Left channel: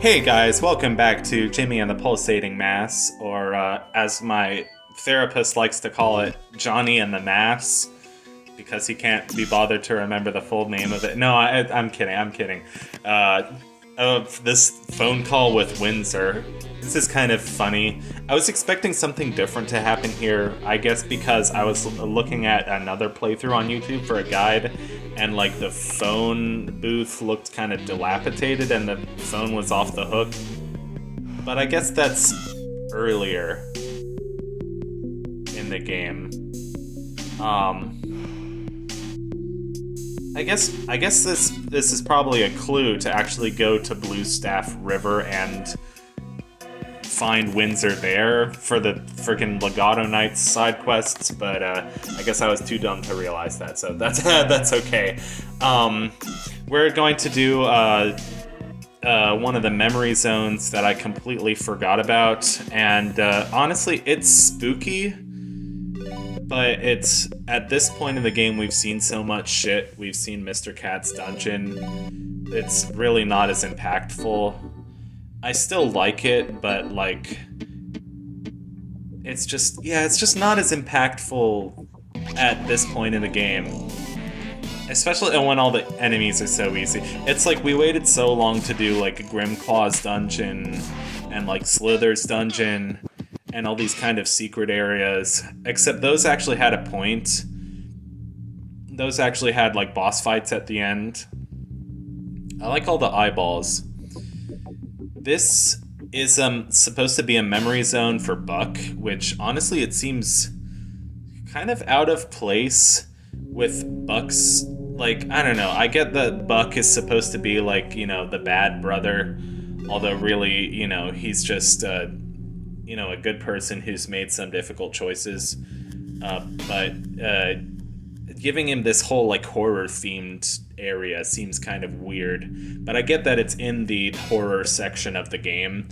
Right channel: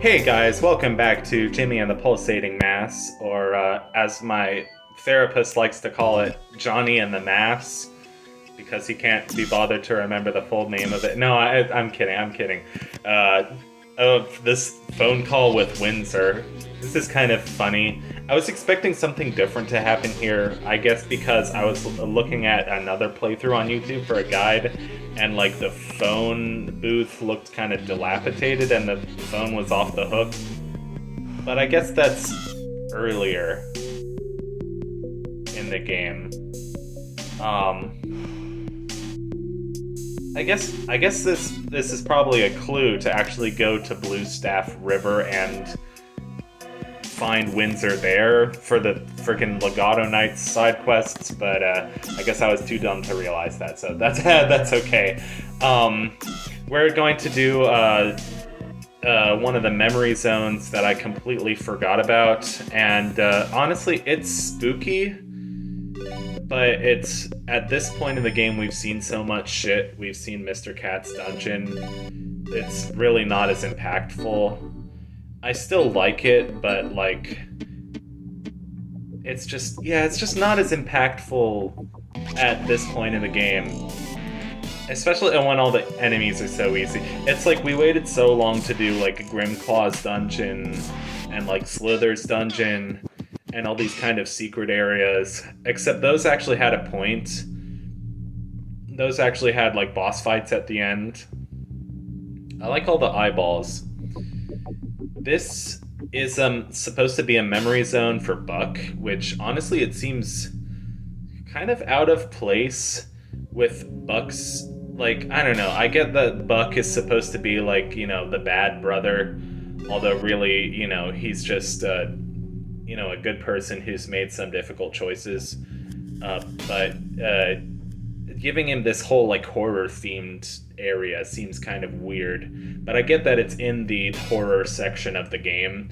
Hey guys, welcome back to Jimmy and the Pulsating Mass, or as my therapist likes to call it, Johnny and the Mass, because he can't be bothered to remember the full name of it. No, I'm kidding, I'm kidding. Uh, of this phone call with Windsor. This is kind of funny. I was expecting something different to happen here, I guess because I was looking at another playthrough on YouTube for a guide, and like the phone booth looked kind of dilapidated and the phone was off the hook. But I guess that's earlier in the game. Um, I guess this is probably a clue to actually go to Bluestaff River and find Windsor there for the freaking Legato Knights side quests, but I guess I was too dumb to realize that, so that's that's okay. We're going to do one of the memory zones that I completely forgot about, and honestly, it's spooky. But it's at this point in the game we've seen so much shit. We've seen Mr. Cat's dungeon. It's really not as impactful. I still like it, but like it's just not as impactful at this point in the game. Especially when all the enemies are so easy. It's like we waited so long to do like Grimclaw's dungeon and like Slither's dungeon and all these kind of secret areas, except those actually had a point. Those actually had like boss fights at the end. I like all the eyeballs. This is supposed to be a memory zone for Buck, which honestly it seems kind of out of place with Buck's, like, I don't know. I get that Buck is supposed to be like, you know, the bad brother, although really, you know, he's just you know, a good person who's made some difficult choices, but giving him this whole like horror themed area seems kind of weird. But I get that it's in the horror section of the game,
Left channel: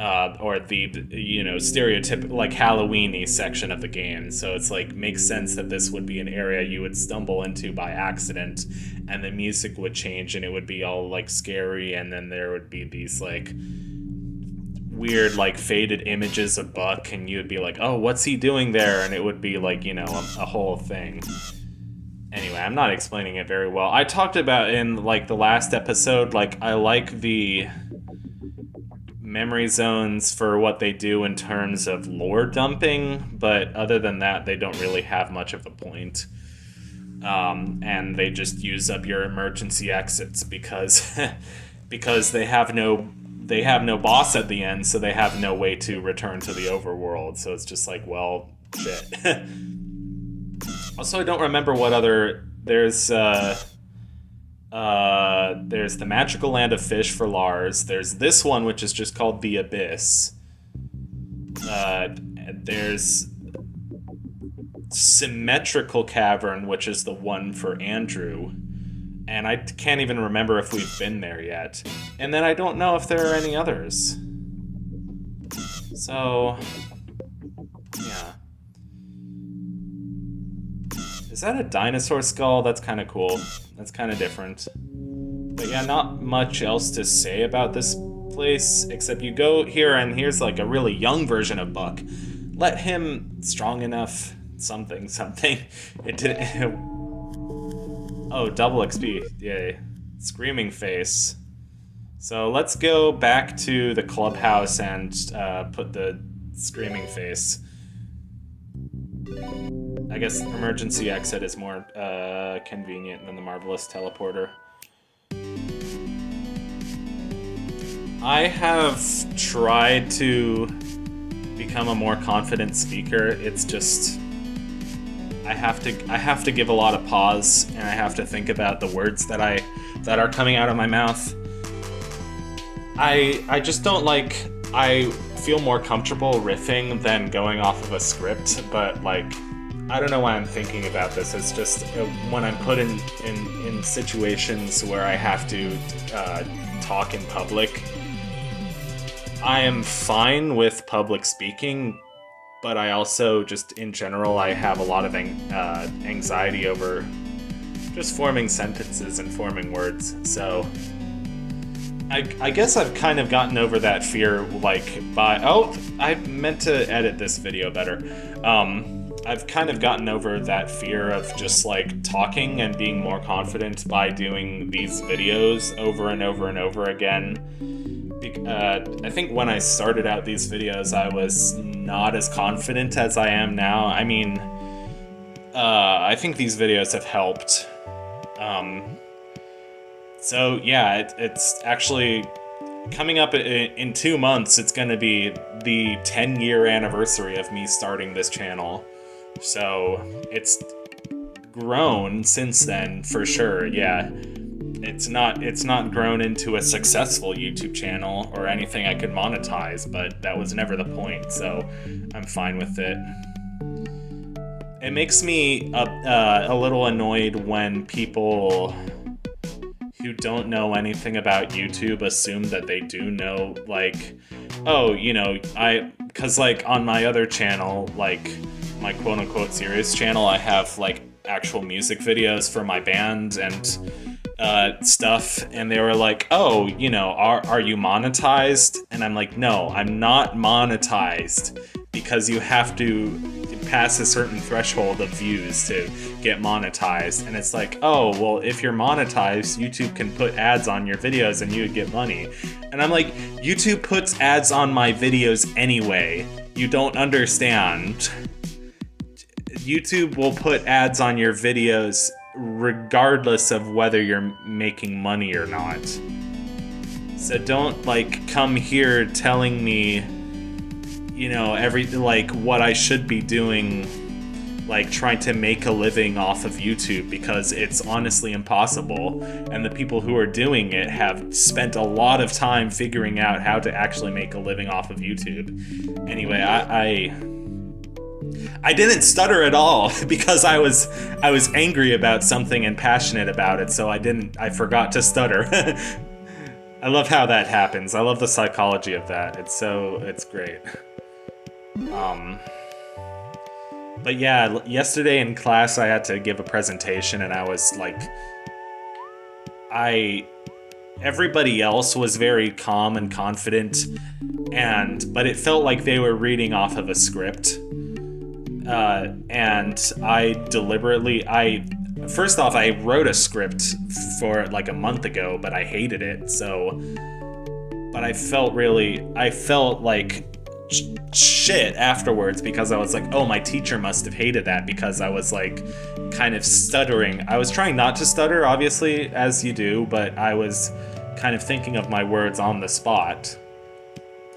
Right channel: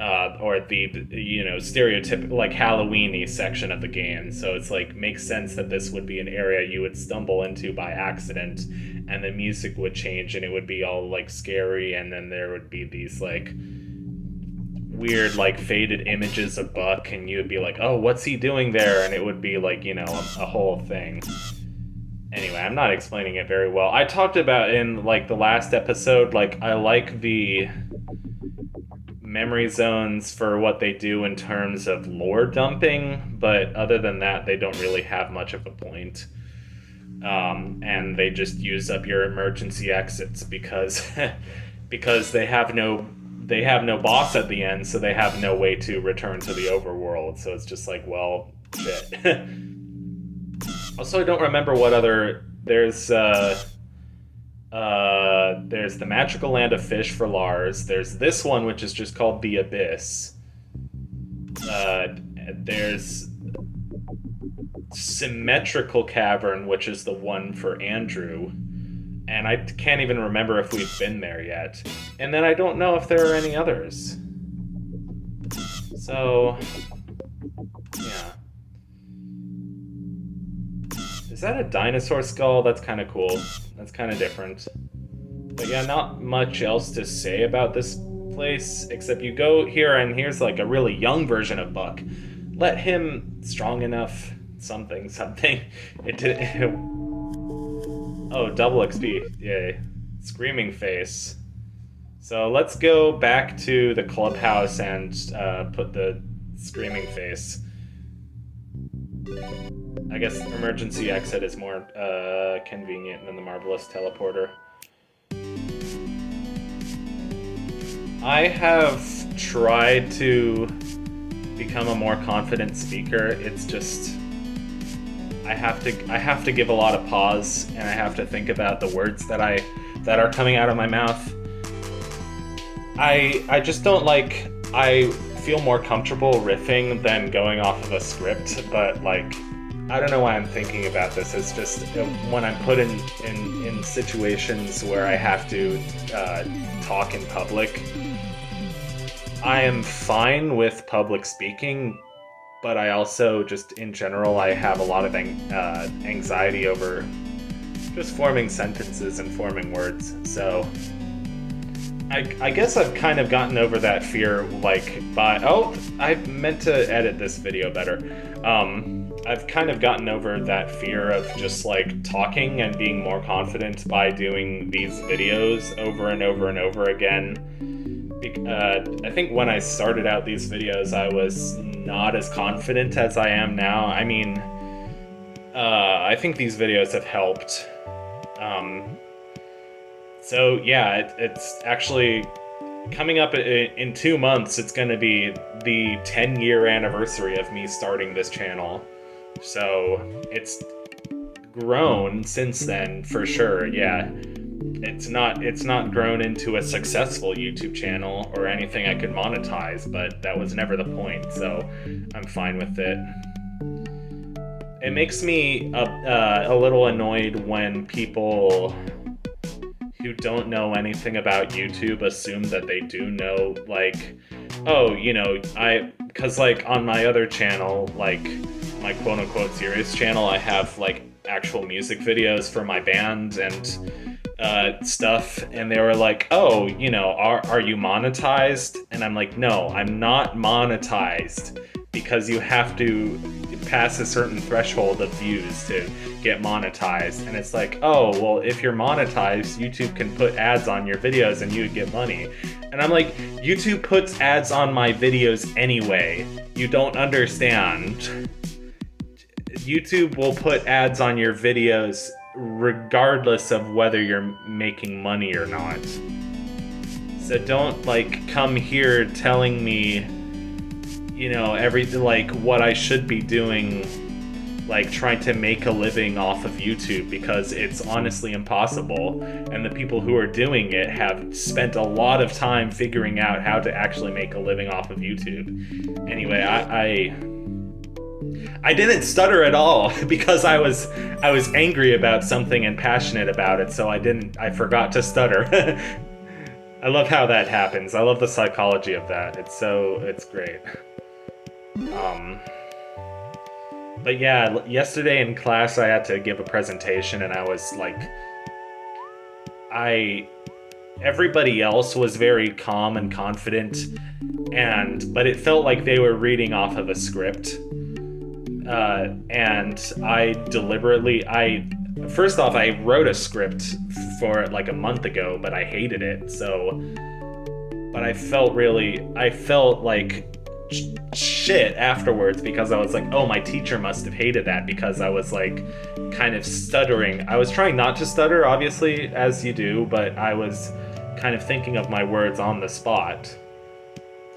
or the, you know, stereotypical like Halloween-y section of the game. So it's like makes sense that this would be an area you would stumble into by accident, and the music would change and it would be all like scary, and then there would be these like weird like faded images of Buck, and you would be like, oh, what's he doing there? And it would be like, you know, a whole thing. Anyway, I'm not explaining it very well. I talked about in like the last episode, like I like the memory zones for what they do in terms of lore dumping, but other than that they don't really have much of a point. And they just use up your emergency exits because because they have no boss at the end, so they have no way to return to the overworld. So it's just like, well, shit. Also, I don't remember what other there's the Magical Land of Fish for Lars. There's this one which is just called the Abyss. There's Symmetrical Cavern, which is the one for Andrew. And I can't even remember if we've been there yet. And then I don't know if there are any others. So, yeah. Is that a dinosaur skull? That's kind of cool. That's kind of different. But yeah, not much else to say about this place, except you go here and here's like a really young version of Buck. Let him strong enough, something. It did. Oh, double XP. Yay. Screaming face. So let's go back to the clubhouse and put the screaming face. I guess emergency exit is more convenient than the marvelous teleporter. I have tried to become a more confident speaker. It's just I have to give a lot of pause, and I have to think about the words that are coming out of my mouth. I just don't like. I feel more comfortable riffing than going off of a script, but like I don't know why I'm thinking about this. It's just when I'm put in situations where I have to talk in public. I am fine with public speaking, but I also just in general I have a lot of anxiety over just forming sentences and forming words. So I guess I've kind of gotten over that fear, like, I meant to edit this video better. I've kind of gotten over that fear of just, like, talking and being more confident by doing these videos over and over and over again. I think when I started out these videos, I was not as confident as I am now. I mean, I think these videos have helped. So yeah, it's actually coming up in 2 months. It's going to be the 10-year anniversary of me starting this channel. So it's grown since then, for sure. Yeah, it's not grown into a successful YouTube channel or anything I could monetize, but that was never the point. So I'm fine with it. It makes me a little annoyed when people who don't know anything about YouTube assume that they do know, like, oh, you know, because, like, on my other channel, like, my quote-unquote serious channel, I have, like, actual music videos for my band and stuff, and they were like, oh, you know, are you monetized? And I'm like, no, I'm not monetized, because you have to pass a certain threshold of views to get monetized. And it's like, oh, well, if you're monetized, YouTube can put ads on your videos and you would get money. And I'm like, YouTube puts ads on my videos anyway. You don't understand. YouTube will put ads on your videos regardless of whether you're making money or not. So don't, like, come here telling me, you know, what I should be doing, like, trying to make a living off of YouTube, because it's honestly impossible, and the people who are doing it have spent a lot of time figuring out how to actually make a living off of YouTube. Anyway, I didn't stutter at all because I was angry about something and passionate about it, so I forgot to stutter. I love how that happens. I love the psychology of that. It's great. But yeah, yesterday in class I had to give a presentation, and I was like, everybody else was very calm and confident, but it felt like they were reading off of a script. And first off, I wrote a script for it like a month ago, but I hated it, but I felt like shit afterwards, because I was like, oh, my teacher must have hated that, because I was, like, kind of stuttering. I was trying not to stutter, obviously, as you do, but I was kind of thinking of my words on the spot.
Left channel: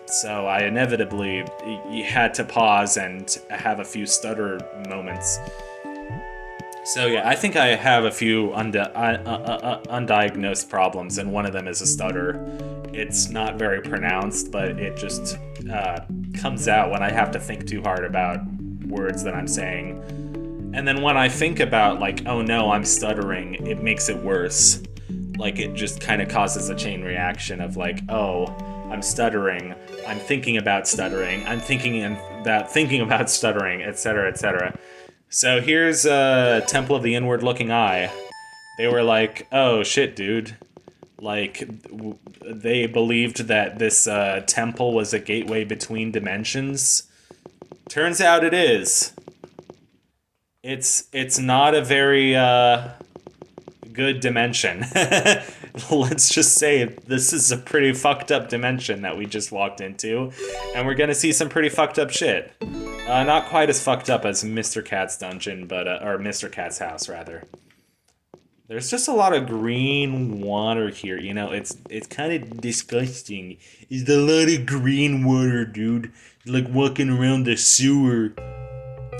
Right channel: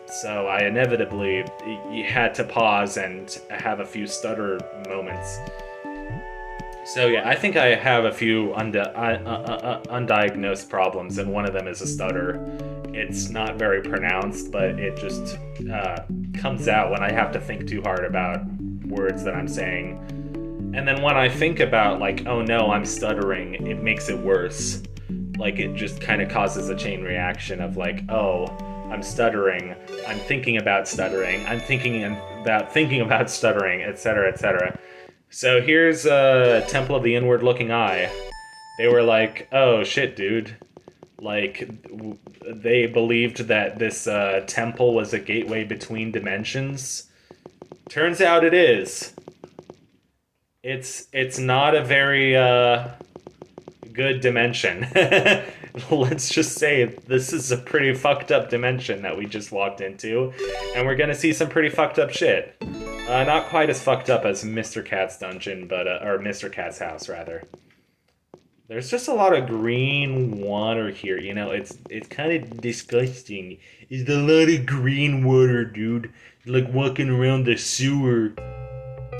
So I inevitably had to pause and have a few stutter moments. So yeah, I think I have a few undiagnosed problems, and one of them is a stutter. It's not very pronounced, but it just comes out when I have to think too hard about words that I'm saying. And then when I think about, like, oh no, I'm stuttering, it makes it worse. Like, it just kind of causes a chain reaction of, like, oh, I'm stuttering, I'm thinking about stuttering, I'm thinking about stuttering, etc., etc. So here's Temple of the Inward Looking Eye. They were like, oh shit, dude. Like, they believed that this temple was a gateway between dimensions. Turns out it is. It's not a very good dimension. Let's just say this is a pretty fucked up dimension that we just walked into, and we're gonna see some pretty fucked up shit. Not quite as fucked up as Mr. Cat's dungeon, but or Mr. Cat's house, rather. There's just a lot of green water here, you know, it's kind of disgusting. It's a lot of green water, dude. Like walking around the sewer.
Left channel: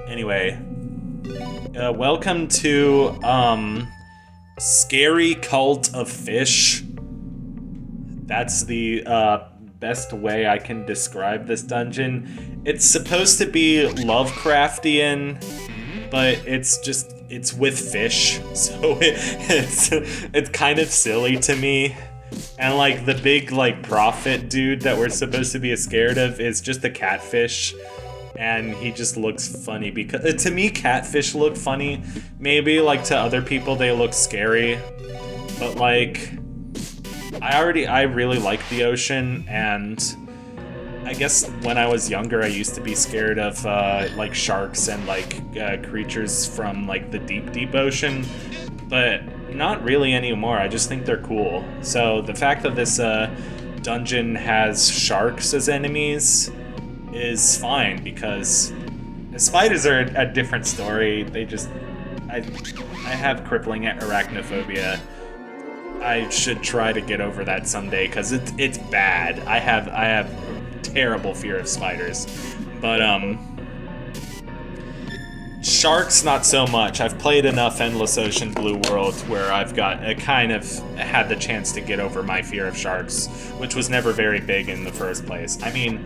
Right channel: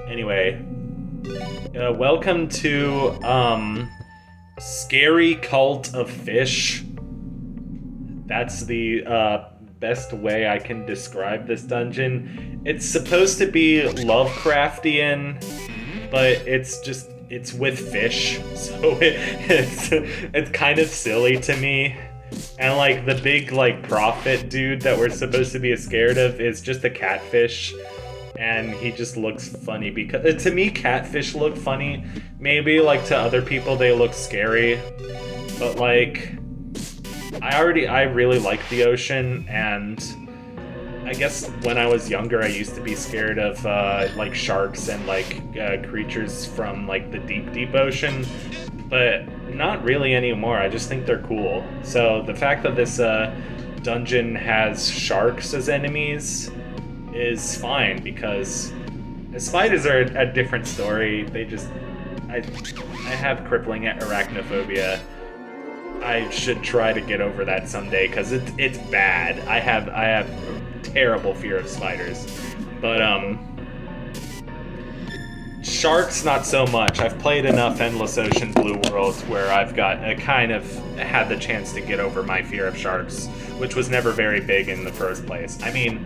Anyway, welcome to, Scary Cult of Fish. That's the, best way I can describe this dungeon. It's supposed to be Lovecraftian, but it's with fish, so it's kind of silly to me. And, like, the big, like, prophet dude that we're supposed to be scared of is just a catfish, and he just looks funny, because to me catfish look funny. Maybe, like, to other people they look scary, but, like, I really like the ocean, and I guess when I was younger, I used to be scared of like sharks and like creatures from like the deep ocean, but not really anymore. I just think they're cool. So the fact that this dungeon has sharks as enemies is fine, because the spiders are a different story. I have crippling arachnophobia. I should try to get over that someday, because it's bad. I have terrible fear of spiders, but sharks not so much. I've played enough Endless Ocean Blue World where I've got a kind of had the chance to get over my fear of sharks, which was never very big in the first place. I mean,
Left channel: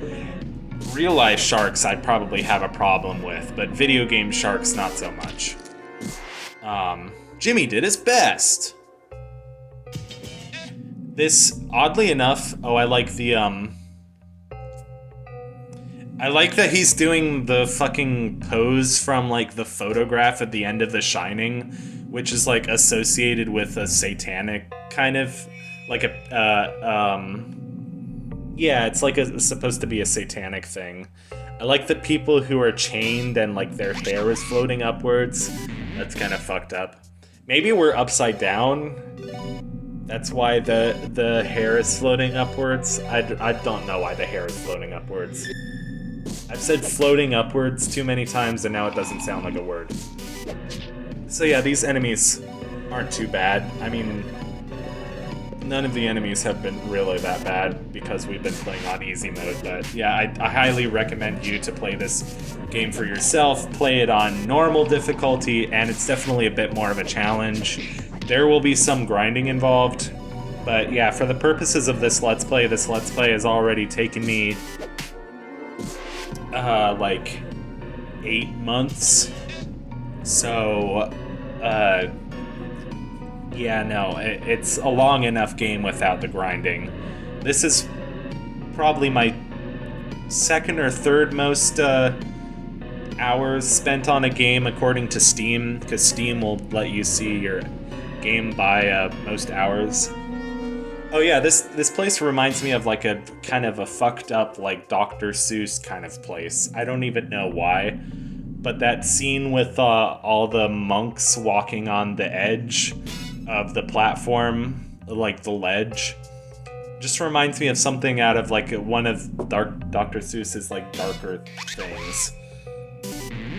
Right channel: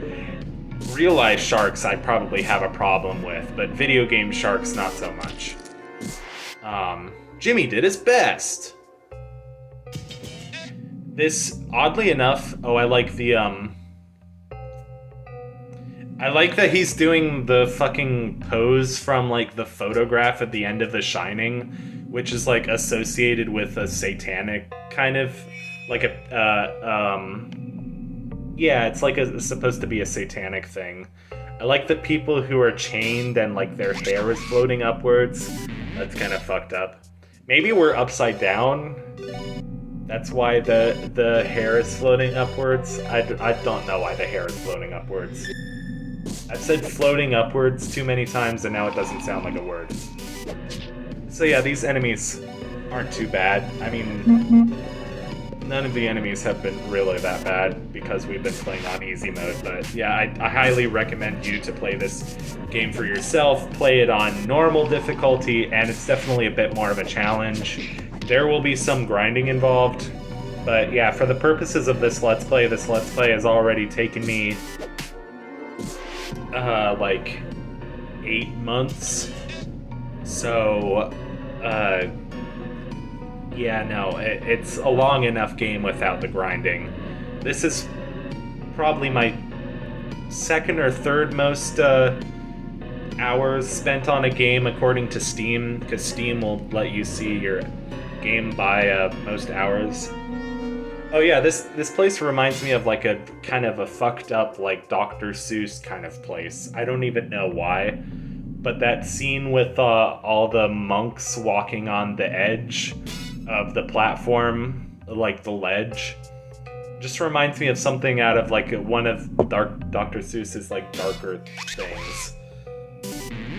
real life sharks I'd probably have a problem with, but video game sharks not so much. Jimmy did his best. This, oddly enough, I like the, I like that he's doing the fucking pose from, like, the photograph at the end of The Shining, which is, like, associated with a satanic kind of, like, yeah, it's, like, supposed to be a satanic thing. I like the people who are chained and, like, their hair is floating upwards. That's kind of fucked up. Maybe we're upside down. That's why the hair is floating upwards. I don't know why the hair is floating upwards. I've said floating upwards too many times and now it doesn't sound like a word. So yeah, these enemies aren't too bad. I mean, none of the enemies have been really that bad because we've been playing on easy mode, but yeah, I highly recommend you to play this game for yourself. Play it on normal difficulty, and it's definitely a bit more of a challenge. There will be some grinding involved, but yeah, for the purposes of this Let's Play has already taken me like 8 months. So, yeah, no, it's a long enough game without the grinding. This is probably my second or third most hours spent on a game according to Steam, because Steam will let you see your game by most hours. Oh yeah, this place reminds me of like a kind of a fucked up like Dr. Seuss kind of place. I don't even know why, but that scene with all the monks walking on the edge of the platform, like the ledge, just reminds me of something out of like one of Dr. Seuss's like darker things.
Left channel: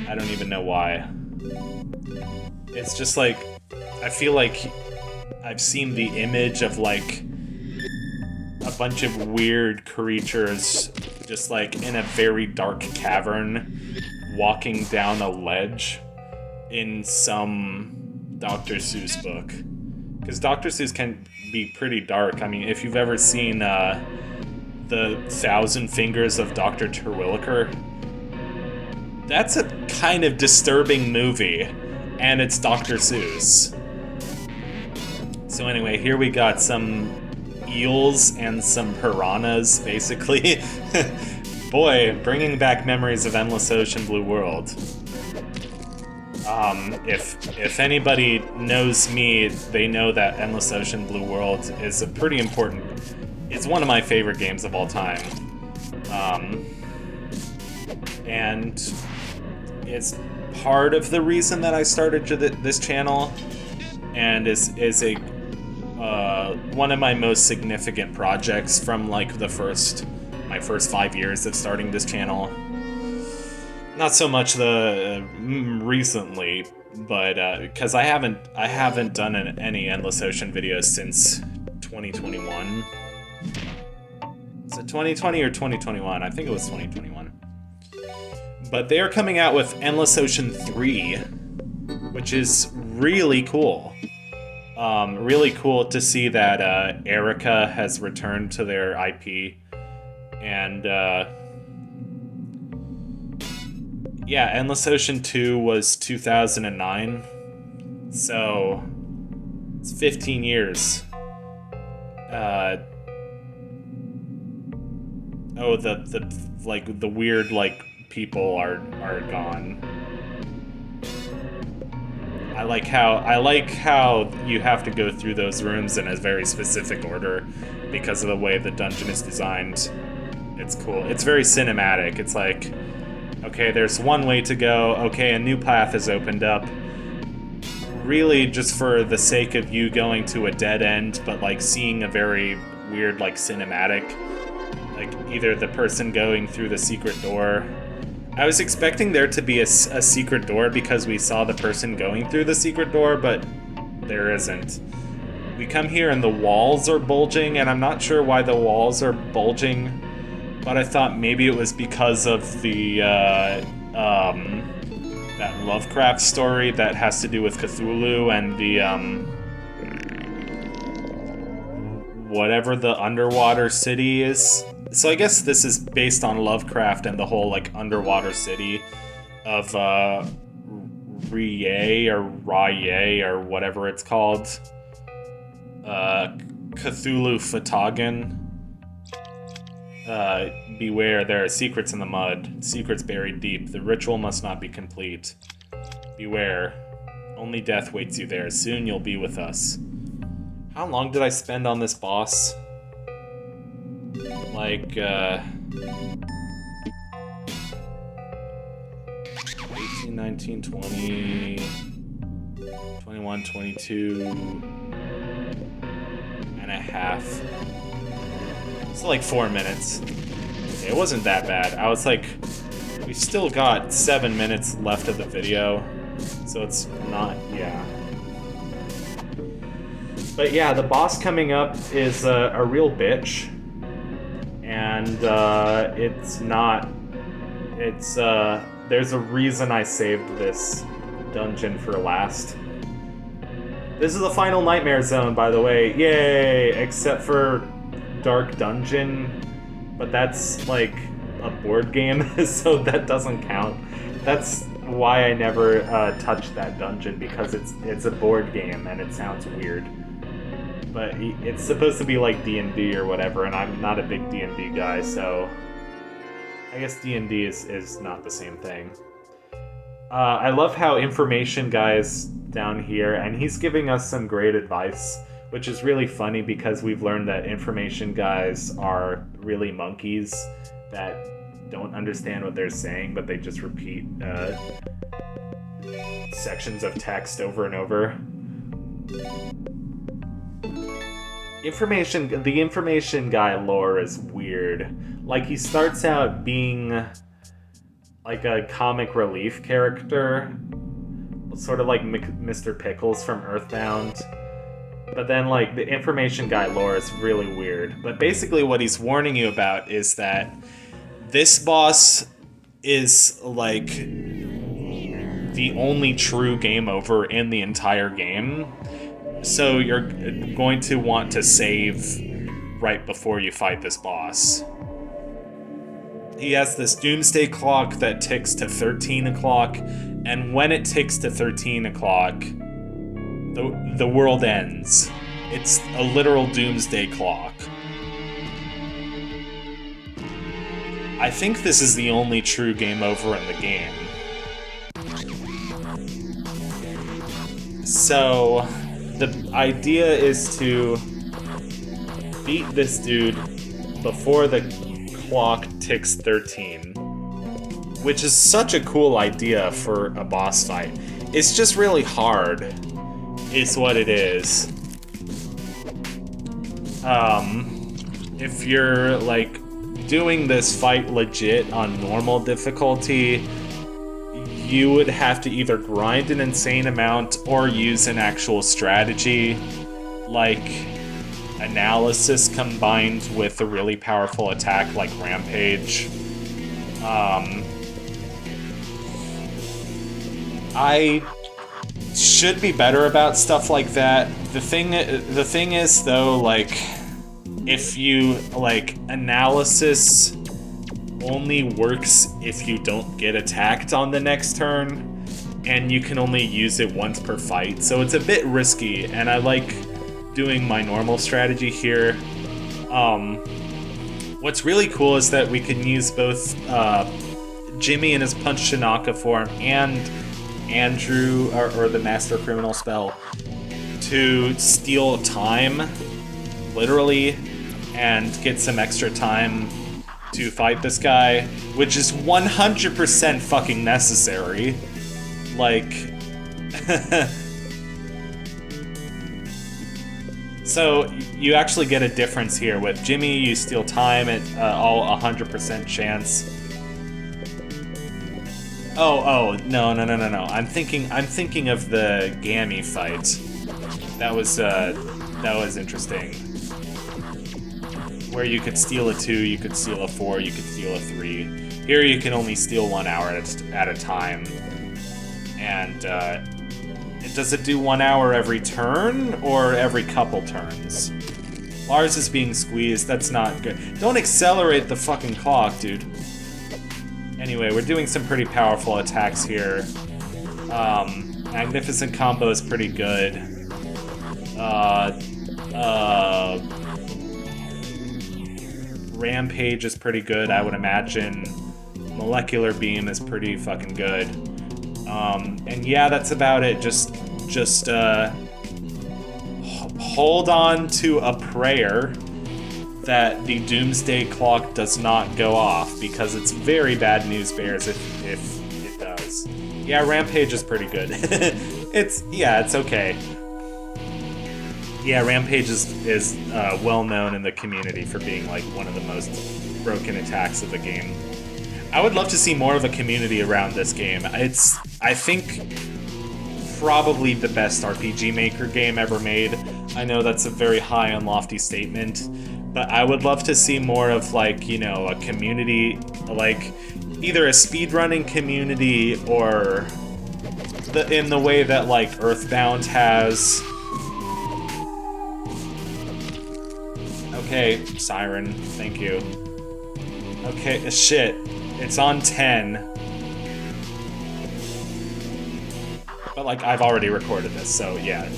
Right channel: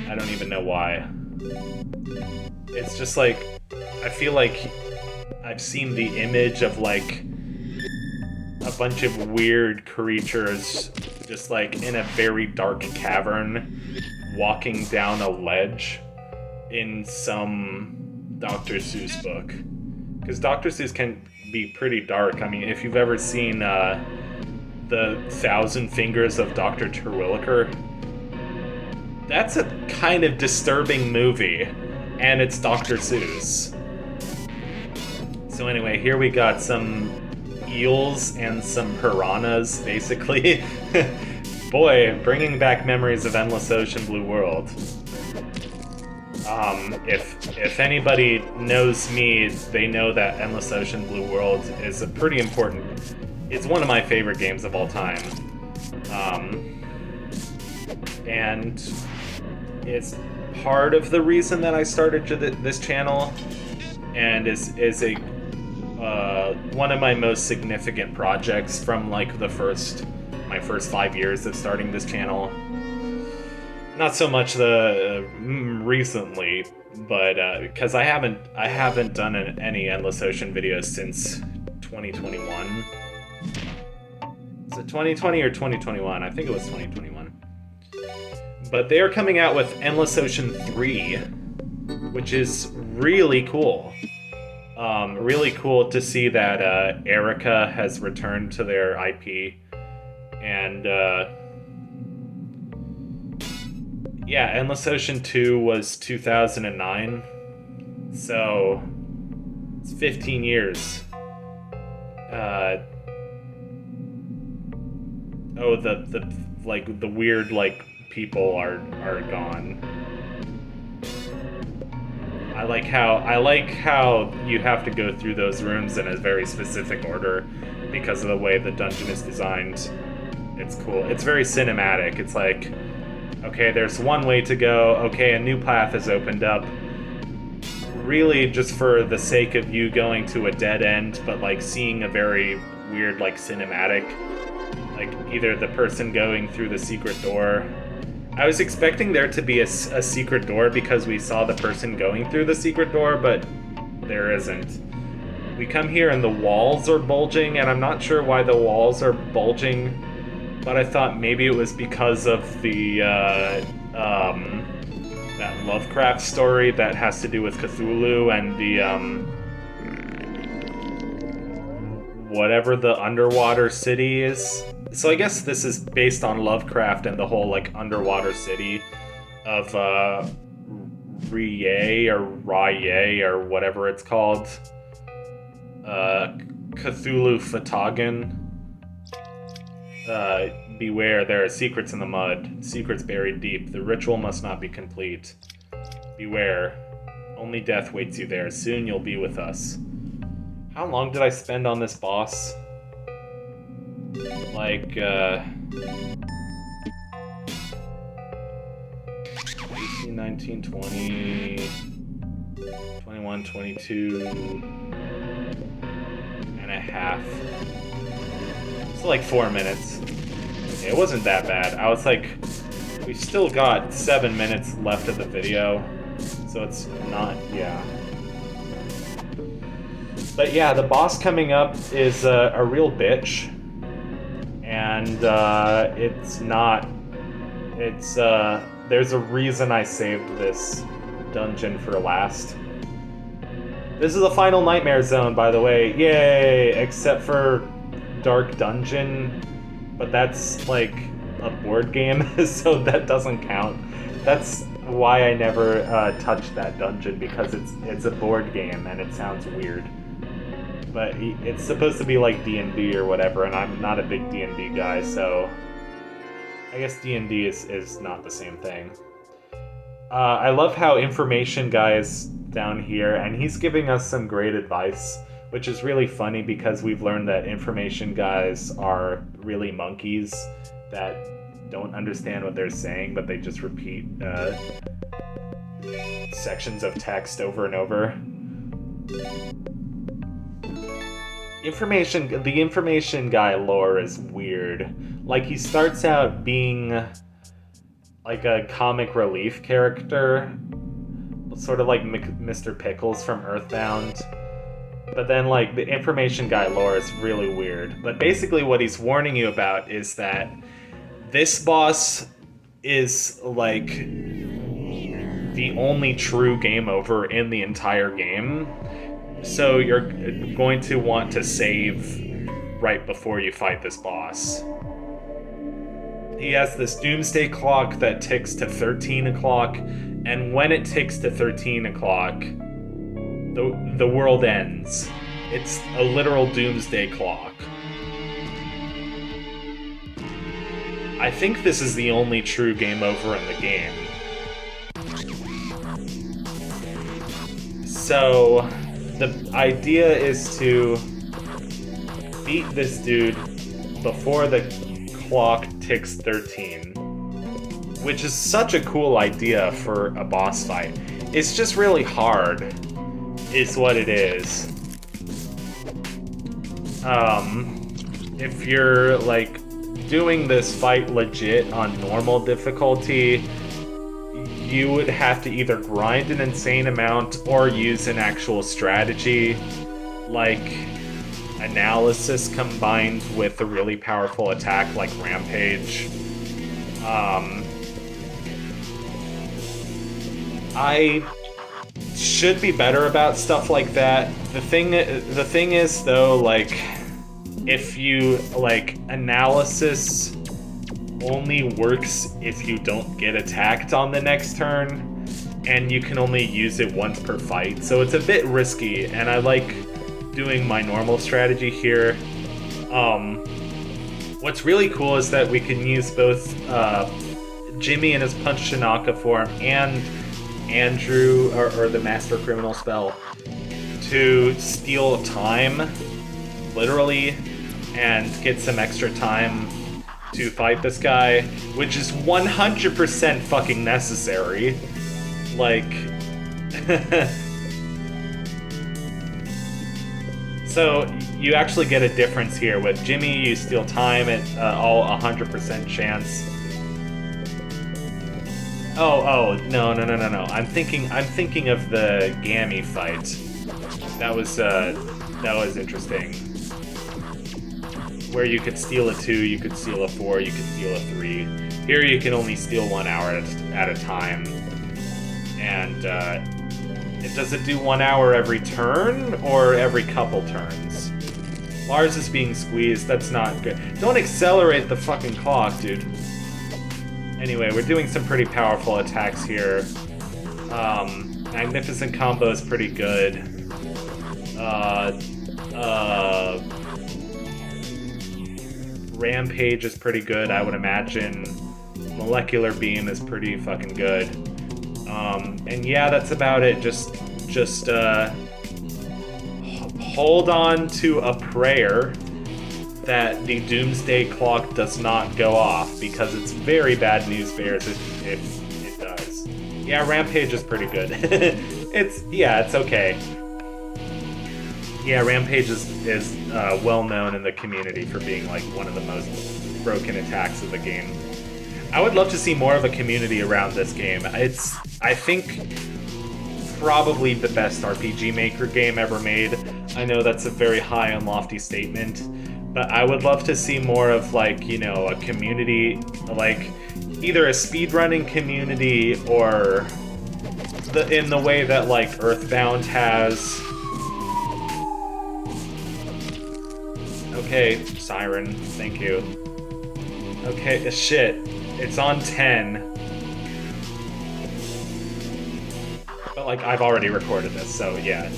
I don't even know why. It's just like, I feel like I've seen the image of like a bunch of weird creatures just like in a very dark cavern walking down a ledge in some Dr. Seuss book. Because Dr. Seuss can be pretty dark. I mean, if you've ever seen The 1,000 Fingers of Dr. Terwilliger, that's a kind of disturbing movie, and it's Dr. Seuss. So anyway, here we got some eels and some piranhas, basically. Boy, bringing back memories of Endless Ocean Blue World. If anybody knows me, they know that Endless Ocean Blue World is a pretty important... It's one of my favorite games of all time. And it's part of the reason that I started this channel, and is a one of my most significant projects from like my first 5 years of starting this channel. Not so much recently, but because I haven't done any Endless Ocean videos since 2021. Is it 2020 or 2021? I think it was 2021. But they are coming out with Endless Ocean 3, which is really cool. Really cool to see that Erica has returned to their IP, and yeah, Endless Ocean 2 was 2009, so it's 15 years. The weird like people are gone. I I like how you have to go through those rooms in a very specific order because of the way the dungeon is designed. It's cool. It's very cinematic. It's like, okay, there's one way to go. Okay, a new path has opened up. Really just for the sake of you going to a dead end, but like seeing a very weird like cinematic, like either the person going through the secret door. I was expecting there to be a secret door because we saw the person going through the secret door, but there isn't. We come here and the walls are bulging, and I'm not sure why the walls are bulging, but I thought maybe it was because of the that Lovecraft story that has to do with Cthulhu and the whatever the underwater city is. So I guess this is based on Lovecraft and the whole like underwater city of Rye or Rye or whatever it's called. Cthulhu Fatagan. Beware, there are secrets in the mud, secrets buried deep. The ritual must not be complete. Beware, only death waits you there. Soon you'll be with us. How long did I spend on this boss? Like, 18, 19, 20, 21, 22 and a half. It's like 4 minutes. It wasn't that bad. I was like, we've still got 7 minutes left of the video, so it's not, yeah. But yeah, the boss coming up is a real bitch, and there's a reason I saved this dungeon for last. This is the final nightmare zone, by the way, yay, except for Dark Dungeon, but that's like a board game, so that doesn't count. That's why I never touched that dungeon, because it's a board game and it sounds weird. But it's supposed to be like D&D or whatever, and I'm not a big D&D guy, so I guess D&D is not the same thing. I love how Information Guy is down here, and he's giving us some great advice, which is really funny because we've learned that Information Guys are really monkeys that don't understand what they're saying, but they just repeat sections of text over and over. The Information Guy lore is weird. Like, he starts out being like a comic relief character, sort of like Mr. Pickles from Earthbound. But then, like, the Information Guy lore is really weird. But basically what he's warning you about is that this boss is, like, the only true game over in the entire game. So you're going to want to save right before you fight this boss. He has this doomsday clock that ticks to 13 o'clock, and when it ticks to 13 o'clock, the world ends. It's a literal doomsday clock. I think this is the only true game over in the game. So the idea is to beat this dude before the clock ticks 13, which is such a cool idea for a boss fight. It's just really hard, is what it is. If you're like doing this fight legit on normal difficulty, you would have to either grind an insane amount or use an actual strategy, like analysis combined with a really powerful attack like Rampage. I should be better about stuff like that. The thing is though, like, if you, like, analysis only works if you don't get attacked on the next turn, and you can only use it once per fight, so it's a bit risky, and I like doing my normal strategy here. What's really cool is that we can use both Jimmy in his Punch Tanaka form and Andrew, or the Master Criminal spell, to steal time, literally, and get some extra time to fight this guy, which is 100% fucking necessary. Like... So, you actually get a difference here. With Jimmy, you steal time at all 100% chance. Oh, no. I'm thinking of the Gammy fight. That was interesting. Where you could steal a 2, you could steal a 4, you could steal a 3. Here you can only steal 1 hour at a time. And, does it do 1 hour every turn, or every couple turns? Lars is being squeezed, that's not good. Don't accelerate the fucking clock, dude. Anyway, we're doing some pretty powerful attacks here. Magnificent Combo is pretty good. Rampage is pretty good, I would imagine. Molecular Beam is pretty fucking good. And yeah, that's about it. Just hold on to a prayer that the Doomsday Clock does not go off, because it's very bad news bears if it does. Yeah, Rampage is pretty good. it's okay. Yeah, Rampage is well known in the community for being like one of the most broken attacks of the game. I would love to see more of a community around this game. It's, I think, probably the best RPG Maker game ever made. I know that's a very high and lofty statement, but I would love to see more of, like, you know, a community, like, either a speedrunning community or in the way that, like, Earthbound has. Okay, Siren, thank you. Okay, shit. It's on 10. But, like, I've already recorded this, so yeah.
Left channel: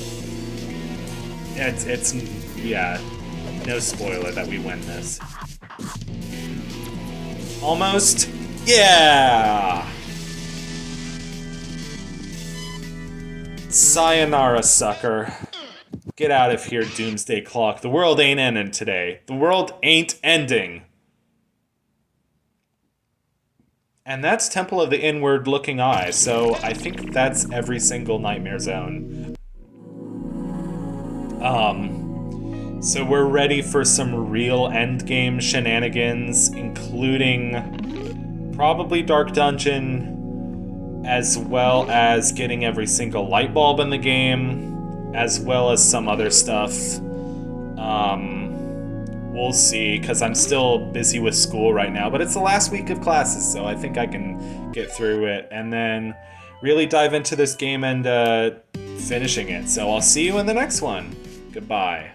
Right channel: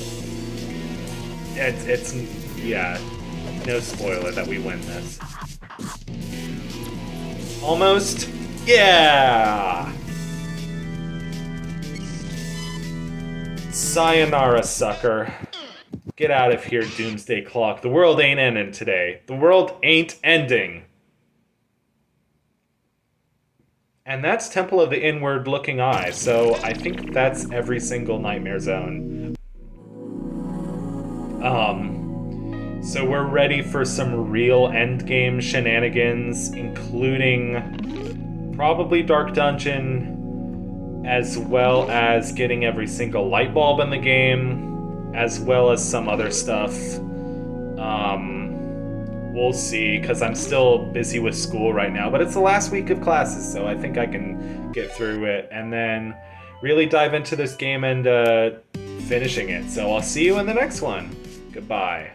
It's yeah. No spoiler that we win this. Almost? Yeah! Sayonara, sucker. Get out of here, Doomsday Clock. The world ain't ending today. The world ain't ending. And that's Temple of the Inward-Looking Eye, so I think that's every single Nightmare Zone. So we're ready for some real endgame shenanigans, including probably Dark Dungeon, as well as getting every single light bulb in the game, as well as some other stuff. We'll see, because I'm still busy with school right now, but it's the last week of classes, so I think I can get through it, and then really dive into this game and finishing it. So I'll see you in the next one. Goodbye.